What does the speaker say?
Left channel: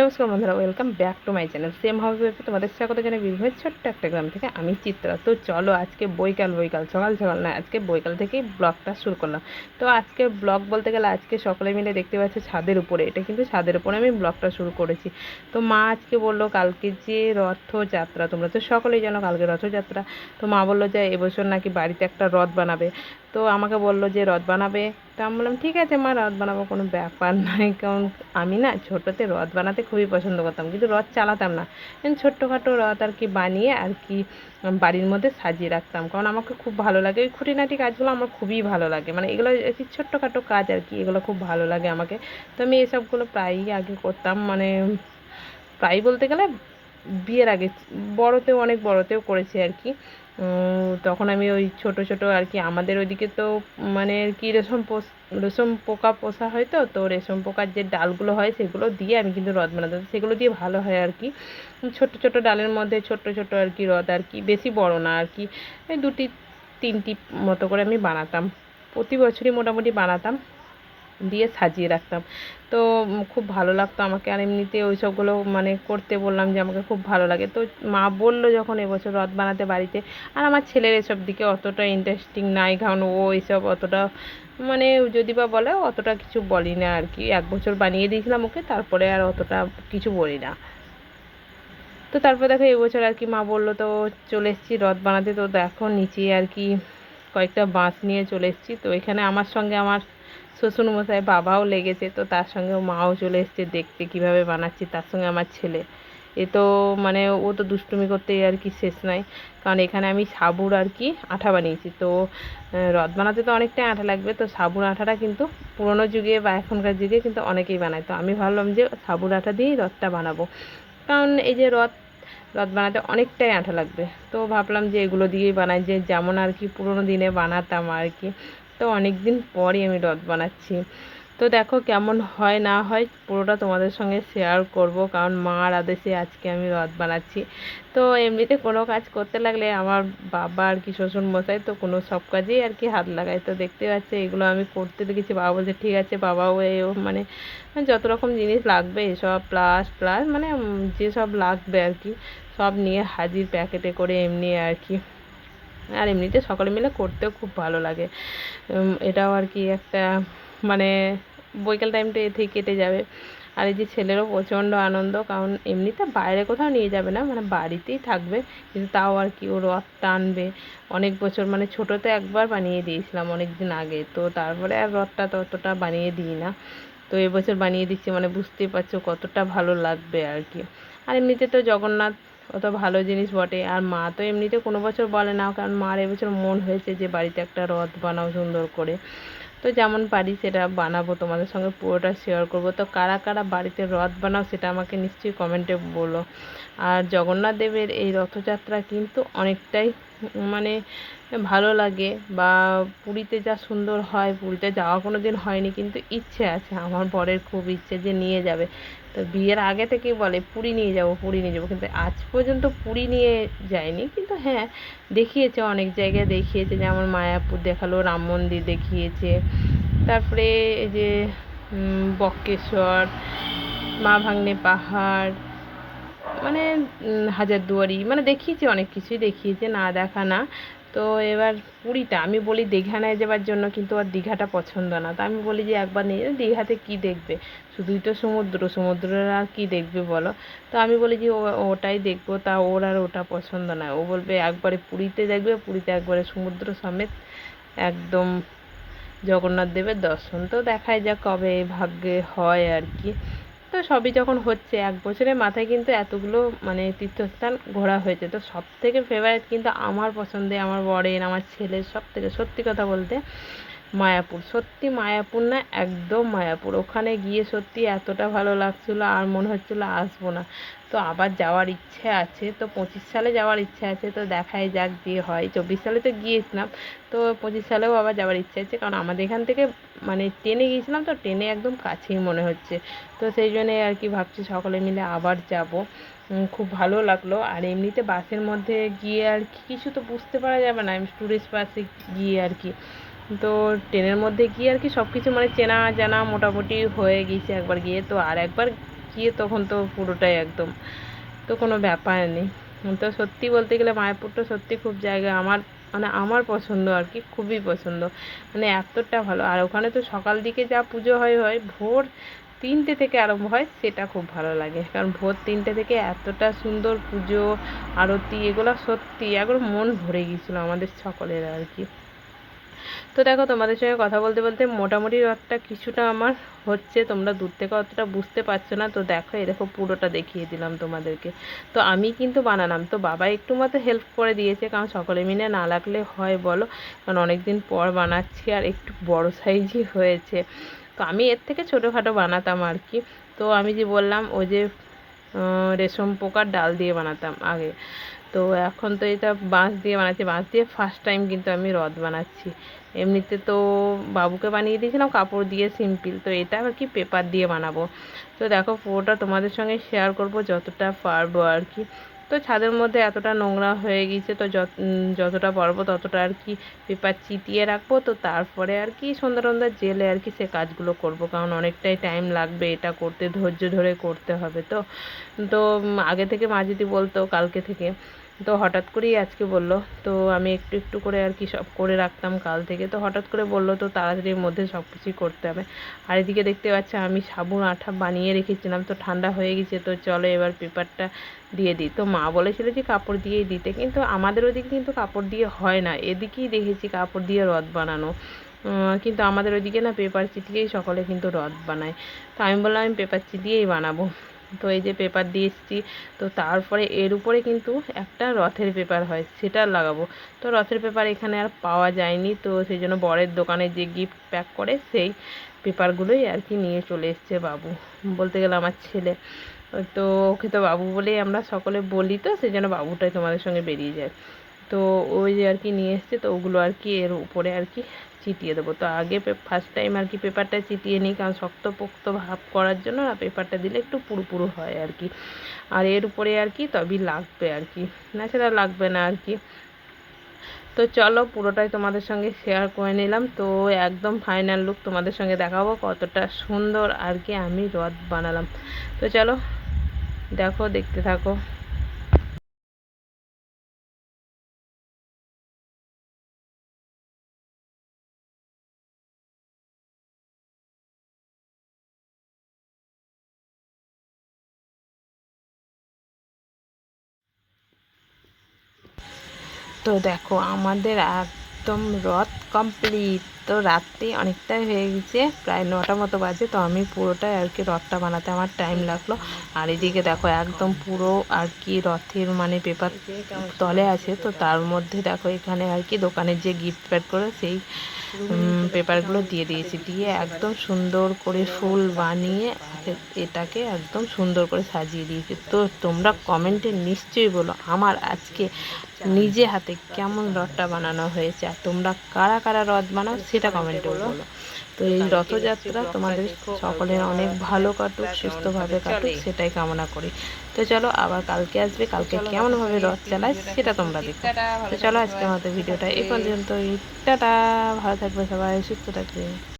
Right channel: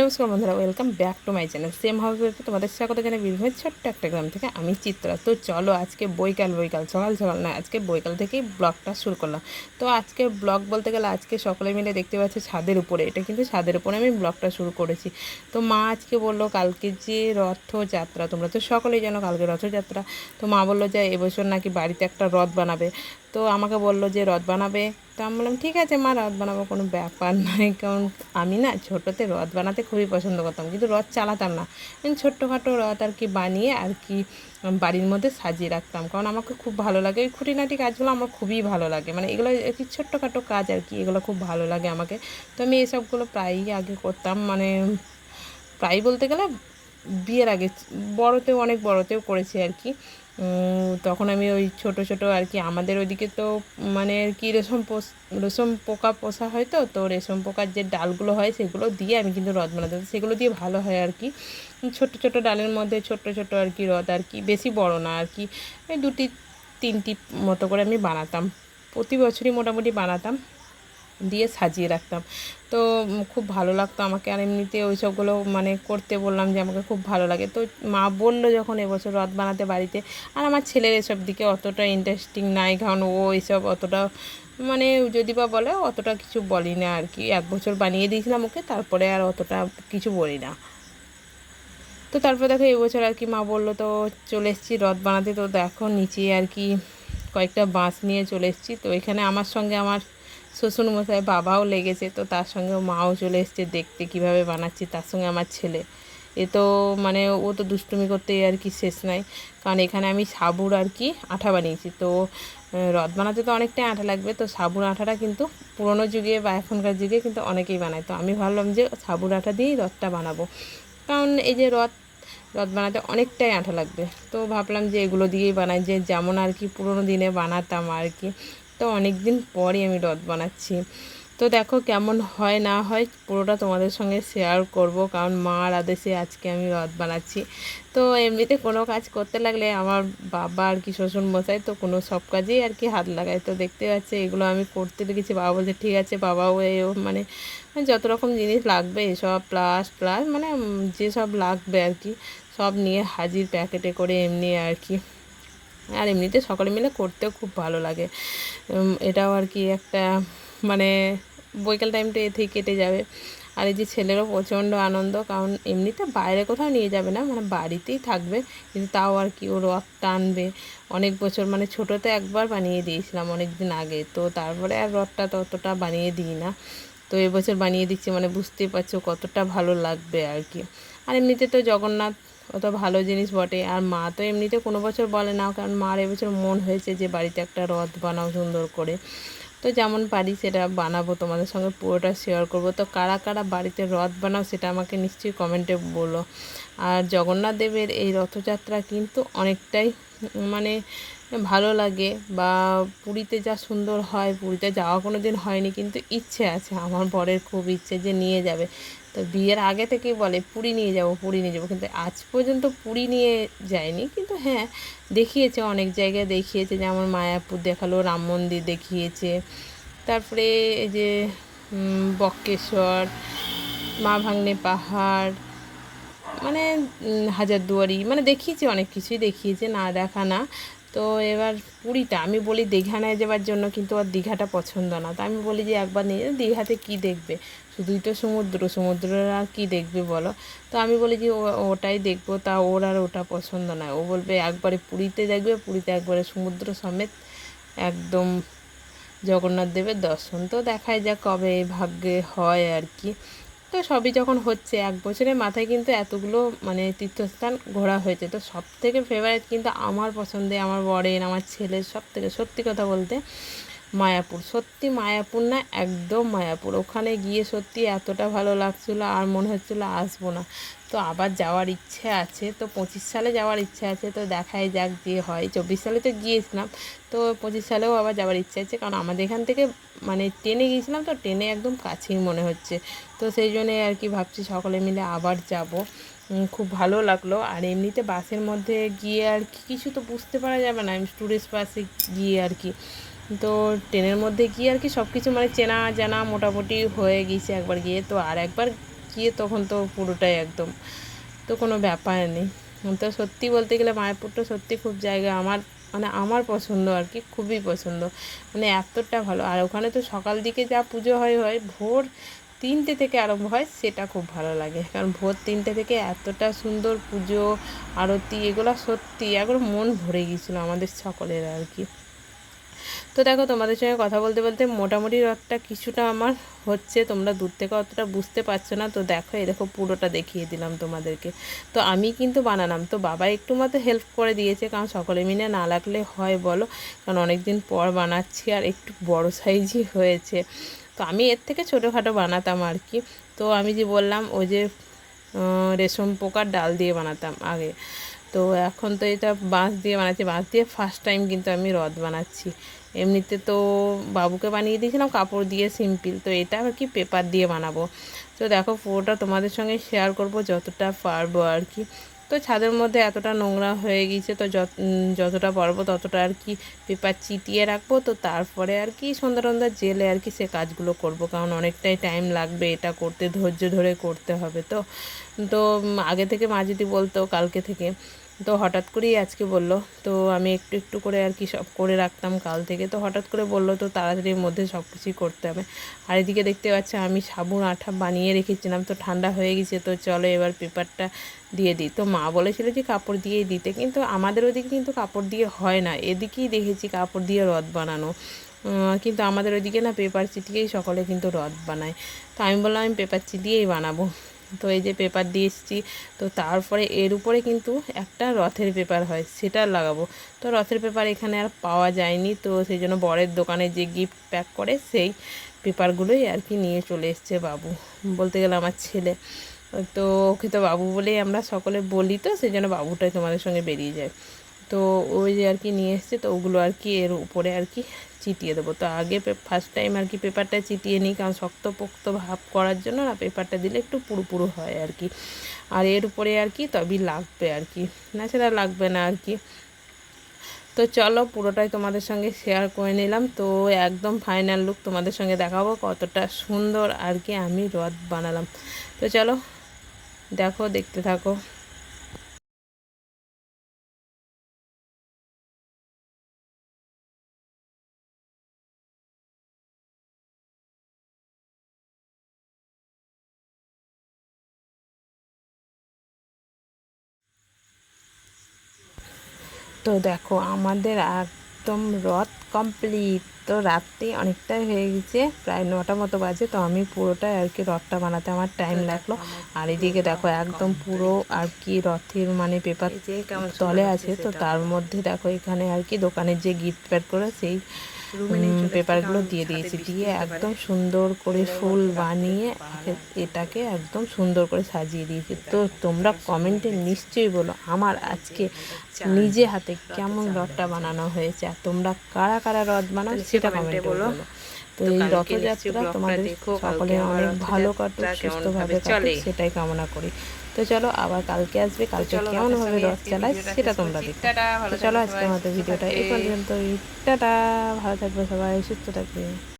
নমস্কার বন্ধুরা, welcome back to my channel. Same হবে তোমাদের স্বাগত জানাই বীরভূমের ছোট্ট একটা গ্রাম থেকে। আমি চিত্রা। তো চলো আজকে বৈকাল সকাল সকাল নয়, আজকে বৈকাল থেকেই ব্লগটা শুরু করলাম। তো আজকে ব্লগ বলতে গেলে আজকে সকলে মিলে দেখতে পাচ্ছি ছাদের উপরে, এটা কিন্তু ছাদের উপরে আমি ব্লগটা শুরু করেছি। তো মা আজকে বললো কালকে যে রথযাত্রা, তোমরা তো সকলেই জানো কালকে রথযাত্রা। তো মা বললো যে এবছর নাকি বাড়িতে একটা রথ বানাবে। তো আমাকে বললো যে রথ বানাবে। তো আমি বললাম ঠিক আছে মা, রথ বানাবো, কোনো ব্যাপার নয়। কারণ আমি না ছোটোতে রথ বানাতে খুবই পছন্দ করতাম, কিন্তু রথ চালাতাম না। ছোট্টখাটো রথ আর কি বানিয়ে আর কি বাড়ির মধ্যে সাজিয়ে রাখতাম, কারণ আমাকে খুব ভালো লাগে এই খুঁটিনাটি কাজগুলো, আমার খুবই ভালো লাগে। মানে এগুলো একটি ছোট্টখাটো কাজ আর কি, এগুলো খুব ভালো লাগে আমাকে। তো আমি এসবগুলো প্রায়ই আগে করতাম, মানে প্রায় বলতে গেলে বিয়ের আগে বড়তেও, অনেক বড়তেও করেছি আর কি। তখন আমি ওই ছোট ছোট আর কি, আমাদের ওইদিকে তো মানে আর কি রেশম পোকা পোষা হয়। তো রেশম পোকার যে ডালগুলো হয় সেগুলো দিয়ে আমি কিন্তু রথ বানাতাম, সেগুলো দিয়ে ভালো হয় আর কি। ছোট ছোট ডালের মধ্যে ছোট ছোট আর কি রথ, আর কি বেশি বড় না আর কি, এই দুটি তিনটি মতো করে আমি বানাতাম। প্রতি বছরই মোটামুটি বানাতাম, দিয়ে সাজিয়ে রাখতাম। তো খুব ভালো লাগতো আমাকে। আর এমনিতে ওই সবগুলো মানে করতে বললাম যে আমাকে খুব ভালো লাগে। তো মা বললো যখন এবছর রথ বানাতে বাড়িতে, আর আমার ছেলের এসব দিকে অতটা ইন্টারেস্টিং নাই, কারণ ও এসব অতটা মানে যদি বা বলে অতটা কিছু বলি না আর কি। এক বছর বানিয়ে দিয়েছিলাম ওকে, তারপরে আর অতটা কিছু বলি না। তো তারপর দেখো এবছর আর কি মা বললো, তো চলে এসেছি রথ বানাতে। তো দেখো নিচে আর কি কয়েকটা বাঁশ নিয়ে চলে এসেছি। তো এখানে আমার সঙ্গে আমার শ্বশুরমশাই বাবাও লেগেছে, তো তার সঙ্গে মাও চলে এসছে দেখতে কিভাবে বানাচ্ছি, তার সঙ্গে আমার ছেলে। এ তো মানে ও তো দুষ্টুমি করতেই আর কি শেষ নাই। কারণ এখানে আমি সাবুর আর কি আঠা বানিয়েছি। তো রথ বানাতে তো অনেকটাই আঠা লাগবে, তো সাবুর আঠাটা কিন্তু পুরোনো যুগে বা এখনকার যুগে কিন্তু অনেকেই বানায়। তো আমি ভাবলাম যে সাবুর আঠা দিয়েই রথটা বানাবো, কারণ এই যে রথ রথ বানাতে অনেকটাই আঠা লাগবে। তো ভাবলাম যে এগুলো দিয়েই বানাই, যে যেমন আর কি পুরোনো দিনে বানাতাম আর কি। তো অনেক দিন পরই আমি রথ বানাচ্ছি। তো দেখো কেমন হয় না হয় পুরোটা তোমাদের সঙ্গে শেয়ার করব, কারণ মার আদেশে আজকে আমি রথ বানাচ্ছি। তো এমনিতে কোনো কাজ করতে লাগলে আমার বাবা আর কি শ্বশুরমশাই তো কোনো সব কাজেই আর কি হাত লাগায়। তো দেখতে পাচ্ছে এগুলো আমি করতে দেখেছি, বাবা বলছে ঠিক আছে বাবাও এও মানে যত রকম জিনিস লাগবে এসব প্লাস প্লাস মানে যেসব লাগবে আর কি সব নিয়ে হাজির প্যাকেটে করে এমনি আর কি। আর এমনিতে সকলে মিলে করতেও খুব ভালো লাগে। এটাও আর কি একটা মানে বৈকাল টাইমটা এতেই কেটে যাবে। আর এই যে ছেলেরও প্রচণ্ড আনন্দ, কারণ এমনিতে বাইরে কোথাও নিয়ে যাবে না, মানে বাড়িতেই থাকবে, কিন্তু তাও আর কি ও রথ টানবে। অনেক বছর মানে ছোটোতে একবার বানিয়ে দিয়েছিলাম অনেক দিন আগে, তো তারপরে আর রথটা ততটা বানিয়ে দিই না। তো এবছর বানিয়ে দিচ্ছি, মানে বুঝতেই পারছো কতটা ভালো লাগবে আর কি। আর এমনিতে তো জগন্নাথ অত ভালো জিনিস বটে। আর মা তো এমনিতে কোনো বছর বলে না, কারণ মার এবছর মন হয়েছে যে বাড়িতে একটা রথ বানাও সুন্দর করে। তো যেমন পারি সেটা বানাবো, তোমাদের সঙ্গে পুরোটা শেয়ার করব। তো কারা কারা বাড়িতে রথ বানাও সেটা আমাকে নিশ্চয়ই কমেন্টে বলো। আর জগন্নাথ দেবের এই রথযাত্রা কিন্তু অনেকটাই মানে ভালো লাগে। বা পুরীতে যা সুন্দর হয়, পুরীতে যাওয়া কোনো দিন হয়নি, কিন্তু ইচ্ছে আছে, আমার বরের খুব ইচ্ছে যে নিয়ে যাবে। তো বিয়ের আগে থেকেই বলে পুরী নিয়ে যাব পুরী নিয়ে যাবো, কিন্তু আজ পর্যন্ত পুরী নিয়ে যায়নি। কিন্তু হ্যাঁ দেখিয়েছে, অনেক জায়গায় দেখিয়েছে, যেমন মায়াপুর দেখালো, রাম মন্দির দেখিয়েছে, তারপরে এই যে বক্রেশ্বর, মা ভাগ্নে পাহাড়, মানে হাজারদুয়ারি, মানে দেখিয়েছে, অনেক কিছুই দেখিয়েছে, না দেখা না। তো এবার পুরীটা আমি বলি দীঘা নিয়ে যাওয়ার জন্য, কিন্তু আর দীঘাটা পছন্দ না। তো আমি বলি যে একবার নিয়ে দীঘাতে কী দেখবে, শুধুই তো সমুদ্র, সমুদ্রের আর কী দেখবে বলো। তো আমি বলি যে ওটাই দেখবো, তা ওর আর ওটা পছন্দ না। ও বলবে একবারে পুরীতে দেখবে, পুরীতে একবারে সমুদ্র সমেত একদম জগন্নাথ দেবের দর্শন। তো দেখাই যাক কবে ভাগ্যে হয় আর কি। তো সবই যখন হচ্ছে, এক বছরের মাথায় কিন্তু এতগুলো মানে তীর্থস্থান ঘোরা হয়েছে। তো সব থেকে ফেভারিট কিন্তু আমার পছন্দে, আমার বরের, আমার ছেলের সব থেকে, সত্যি কথা বলতে মায়াপুর। সত্যি মায়াপুর না, একদম মায়াপুর। ওখানে গিয়ে সত্যি এতটা ভালো লাগছিলো আর মনে হচ্ছিলো আসবো না। তো আবার যাওয়ার ইচ্ছে আছে, তো 25 সালে যাওয়ার ইচ্ছে আছে। তো দেখাই যাক দিয়ে হয়। 24 সালে তো গিয়েছিলাম, তো 25 সালেও আবার যাওয়ার ইচ্ছে আছে, কারণ আমাদের এখান থেকে মানে ট্রেনে গিয়েছিলাম, তো ট্রেনে একদম কাছেই মনে হচ্ছে। তো সেই জন্যে আর কি ভাবছি সকলে মিলে আবার যাব। খুব ভালো লাগলো। আর এমনিতে বাসের মধ্যে গিয়ে আর কি কিছু তো বুঝতে পারা যাবে না, আমি ট্যুরিস্ট বাসে গিয়ে আর কি। তো ট্রেনের মধ্যে গিয়ে আর কি সব কিছু মানে চেনা জানা মোটামুটি হয়ে গিয়েছে একবার গিয়ে। তো আর একবার গিয়ে তখন তো পুরোটাই একদম, তো কোনো ব্যাপার নেই। তো সত্যি বলতে গেলে মায়াপুরটা সত্যি খুব জায়গা আমার, মানে আমার পছন্দ আর কি, খুবই পছন্দ, মানে এতটা ভালো। আর ওখানে তো সকাল দিকে যা পুজো হয় ভোর 3টে থেকে আরম্ভ হয়, সেটা খুব ভালো লাগে। কারণ ভোর 3টে থেকে এতটা সুন্দর পুজো, আরতি, এগুলো সত্যি একবার মন ভরে গিয়েছিলো আমাদের সকলের আর কি। তো দেখো তোমাদের সঙ্গে কথা বলতে বলতে মোটামুটি রথটা কিছুটা আমার হচ্ছে, তোমরা দূর থেকে অতটা বুঝতে পারছো না। তো দেখো এরকম পুরোটা দেখিয়ে দিলাম তোমাদেরকে। তো আমি কিন্তু বানালাম, তো বাবা একটু মতো হেল্প করে দিয়েছে, কারণ সকলে মিলে না লাগলে হয় বলো, কারণ অনেক দিন পর বানাচ্ছি আর একটু বড় সাইজই হয়েছে। তো আমি এর থেকে ছোটোখাটো বানাতাম আর কি। তো আমি যে বললাম ওই যে রেশম পোকার ডাল দিয়ে বানাতাম আগে, তো এখন তো এটা বাঁশ দিয়ে বানাচ্ছি। বাঁশ দিয়ে ফার্স্ট টাইম কিন্তু আমি রথ বানাচ্ছি। এমনিতে তো বাবুকে বানিয়ে দিয়েছিলাম কাপড় দিয়ে সিম্পল, তো এটা আর কি পেপার দিয়ে বানাবো। তো দেখো পুরোটা তোমাদের সঙ্গে শেয়ার করব যতটা পারবো আর কি। তো ছাদের মধ্যে এতটা নোংরা হয়ে গিয়েছে, তো যতটা পারবো ততটা আর কি পেপার চিটিয়ে রাখবো। তো তারপরে আর কি সন্ধ্যা জেলে আর কি সে কাজগুলো করব, কারণ অনেকটাই টাইম লাগবে এটা করতে, ধৈর্য ধরে করতে হবে। তো তো আগে থেকে মা যদি বলতো কালকে থেকে, তো হঠাৎ করেই আজকে বলল, তো আমি একটু একটু করে আর কি সব করে রাখতাম কাল থেকে। তো হঠাৎ করে বলল তো তাড়াতাড়ির মধ্যে সব কিছুই করতে হবে। আর এদিকে দেখতে পাচ্ছি আমি সাবুন আঠা বানিয়ে রেখেছিলাম, তো ঠান্ডা হয়ে গেছে, তো চলো এবার পেপারটা দিয়ে দিই। তো মা বলেছিল যে কাপড় দিয়েই দিতে, কিন্তু আমাদের ওদিকে কিন্তু কাপড় দিয়ে হয় না, এদিকেই দেখেছি কাপড় দিয়ে রথ বানানো। কিন্তু আমাদের ওইদিকে না পেপার চিটিয়েই সকলে কিন্তু রথ বানায়। তো আমি বললাম আমি পেপার চিটিয়েই বানাবো। তো এই যে পেপার দিয়ে এসেছি, তো তারপরে এর উপরে কিন্তু একটা রথের পেপার হয় সেটা লাগাবো। তো রথের পেপার এখানে আর পাওয়া যায়নি, তো সেই জন্য বরের দোকানে যে গিফট প্যাক করে সেই পেপারগুলোই আর কি নিয়ে চলে এসছে বাবু, বলতে গেলে আমার ছেলে। তো ওকে তো বাবু বলেই আমরা সকলে বলি, তো সেই জন্য বাবুটাই তোমাদের সঙ্গে বেরিয়ে যায়। তো ওই যে আর কি নিয়ে এসছে, তো ওগুলো আর কি এর উপরে আর কি চিটিয়ে দেবো। তো আগে ফার্স্ট টাইম আর কি পেপারটা চিটিয়ে নিই, কারণ শক্তপোক্ত ভাব করার জন্য না পেপারটা দিলে একটু পুরু পুরু হয় আর কি। আর এর উপরে আর কি তবেই লাগবে আর কি, না সেটা লাগবে না আর কি। তো চলো পুরোটাই তোমাদের সঙ্গে শেয়ার করে নিলাম। তো একদম ফাইনাল লুক তোমাদের সঙ্গে দেখাবো কতটা সুন্দর আর কি আমি রথ বানালাম। তো চলো দেখো, দেখতে থাকো। তো দেখো আমাদের একদম রথ কমপ্লিট। তো রাত্রি অনেকটাই হয়ে গেছে, প্রায় 9টা মতো বাজে। তো আমি পুরোটাই আর কি রথটা বানাতে আমার টাইম লাগলো। আর এদিকে দেখো একদম পুরো আর কি রথের মানে পেপার তলে আছে, তো তার মধ্যে দেখো এখানে আর কি দোকানের যে গিফট প্যাক করে সেই পেপারগুলো দিয়ে দিয়েছি, দিয়ে একদম সুন্দর করে ফুল বানিয়ে এটাকে একদম সুন্দর করে সাজিয়ে দিয়েছি। তো তোমরা কমেন্টে নিশ্চয়ই বলো আমার আজকে নিজে হাতে কেমন রথটা বানানো হয়েছে, আর তোমরা কারা কারা রথ বানাও সেটা কমেন্টে বলো। তো এই রথযাত্রা তোমাদের সকলের অনেক ভালো কাটুক, সুস্থভাবে কাটুক সেটাই কামনা করি। তো চলো আবার কালকে আসবে, কালকে কেমনভাবে রথ চালায় সেটা তোমরা দেখো। তো চলো আজকের মতো ভিডিওটা এই পর্যন্তই। টাটা, ভালো থাকবে সবাই, সুস্থ থাকবে।